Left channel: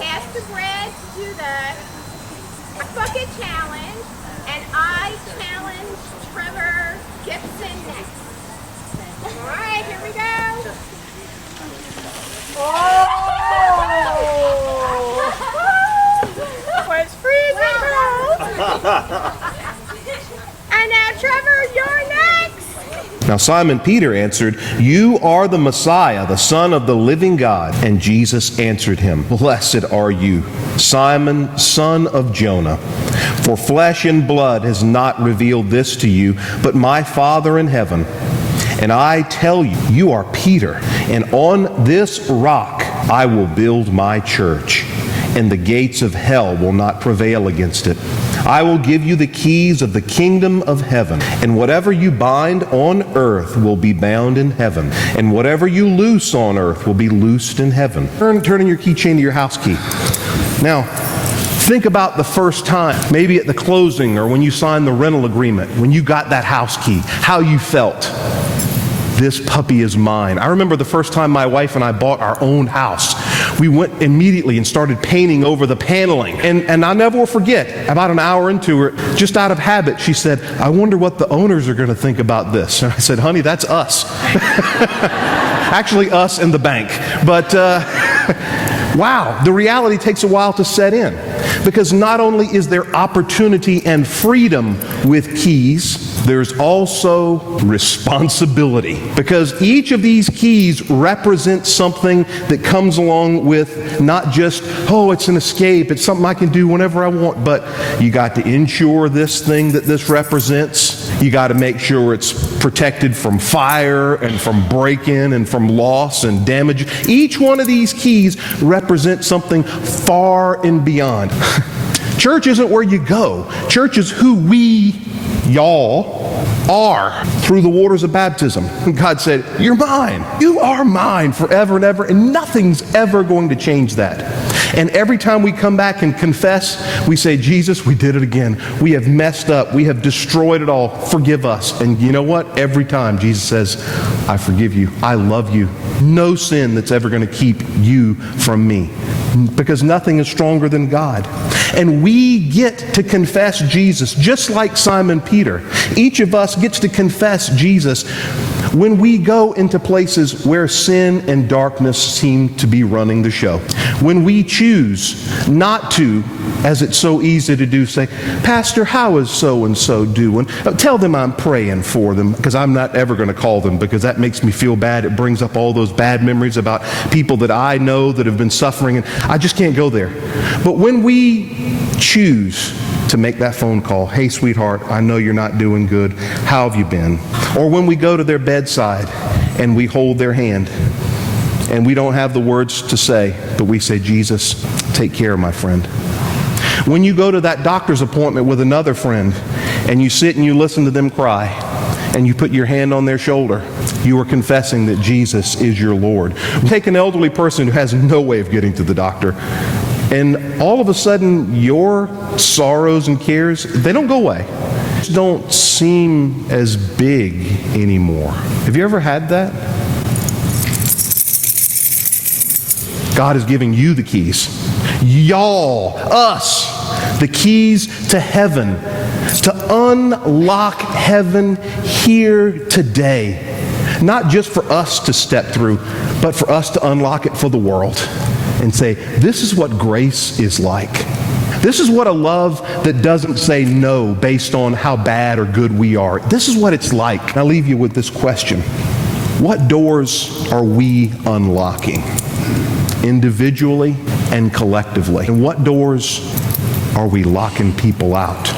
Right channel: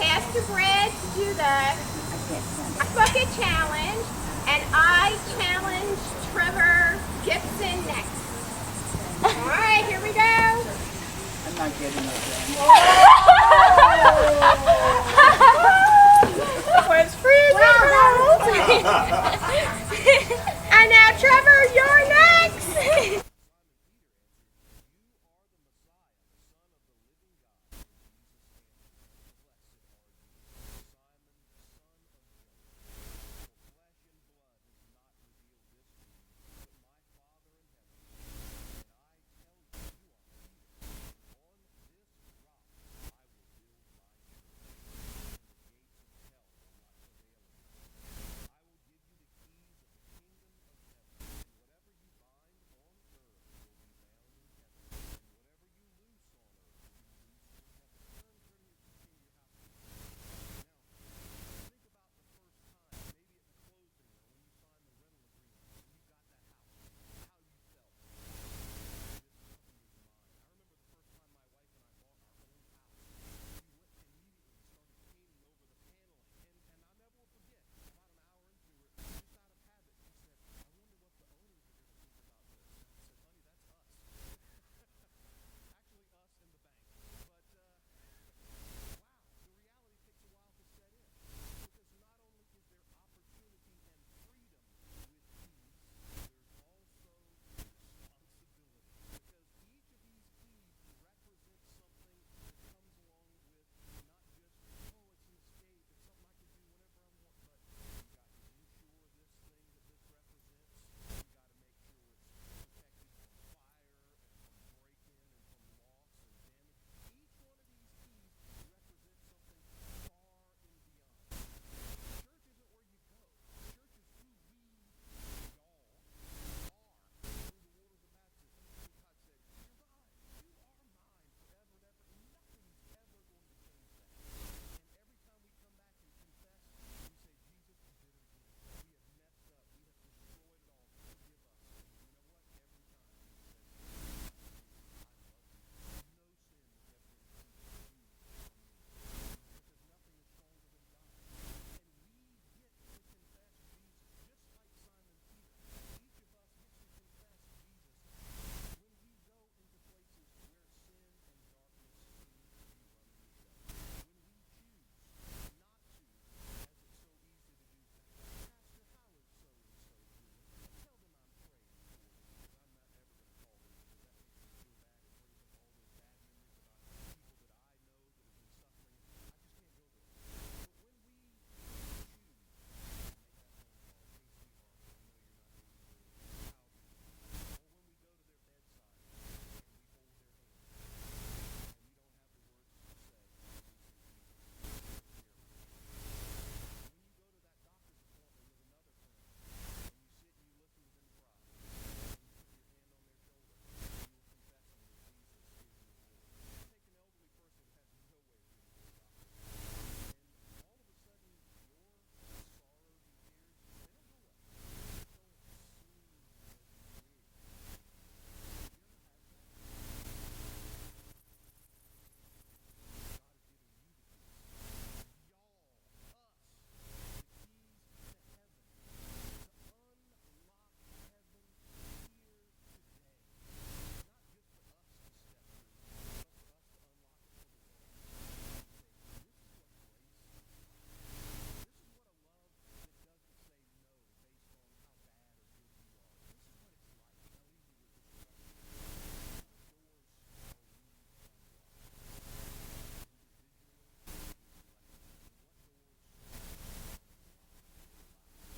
Pastor Brad to do the Ice Bucket Challenge, and I challenge Trevor Gibson next. All right, here we go. It's freezing cold. And now, Trevor, you're next. Now Simon Peter answered, "You are the Messiah, the Son of the living God." And Jesus answered him, "Blessed are you, Simon, son of Jonah. For flesh and blood has not revealed this to you, but my Father in heaven. And I tell you, you are Peter, and on this rock I will build my church, and the gates of hell will not prevail against it. I will give you the keys of the kingdom of heaven, and whatever you bind on earth will be bound in heaven, and whatever you loose on earth will be loosed in heaven." Turn in your keychain to your house key. Now, think about the first time, maybe at the closing or when you signed the rental agreement, when you got that house key, how you felt. This puppy is mine. I remember the first time my wife and I bought our own house. We went immediately and started painting over the paneling. And I'll never forget, about an hour into it, just out of habit, she said, "I wonder what the owners are going to think about this." And I said, "Honey, that's us." Actually, us and the bank. But wow, the reality takes a while to set in. Because not only is there opportunity and freedom with keys, there's also responsibility. Because each of these keys represents something that comes along with not just, oh, it's an escape, it's something I can do whenever I want, but you got to insure this thing that this represents. You got to make sure it's protected from fire and from break-in and from loss and damage. Each one of these keys represents something far and beyond. Church isn't where you go. Church is who y'all are through the waters of baptism. God said, "You're mine. You are mine forever and ever," and nothing's ever going to change that. And every time we come back and confess, we say, "Jesus, we did it again. We have messed up. We have destroyed it all. Forgive us." And you know what? Every time Jesus says, "I forgive you. I love you. No sin that's ever going to keep you from me." Because nothing is stronger than God. And we get to confess Jesus just like Simon Peter. Each of us gets to confess Jesus when we go into places where sin and darkness seem to be running the show. When we choose not to, as it's so easy to do, say, "Pastor, how is so-and-so doing?" Tell them I'm praying for them, because I'm not ever going to call them, because that makes me feel bad. It brings up all those bad memories about people that I know that have been suffering, and I just can't go there. But when we choose to make that phone call, "Hey, sweetheart, I know you're not doing good. How have you been?" Or when we go to their bedside and we hold their hand, and we don't have the words to say, but we say, "Jesus, take care of my friend." When you go to that doctor's appointment with another friend and you sit and you listen to them cry and you put your hand on their shoulder, you are confessing that Jesus is your Lord. Take an elderly person who has no way of getting to the doctor, and all of a sudden your sorrows and cares, they don't go away. They don't seem as big anymore. Have you ever had that? God is giving you the keys. Y'all, us, the keys to heaven, to unlock heaven here today. Not just for us to step through, but for us to unlock it for the world and say, this is what grace is like. This is what a love that doesn't say no based on how bad or good we are. This is what it's like. I'll leave you with this question. What doors are we unlocking? Individually and collectively. And what doors are we locking people out?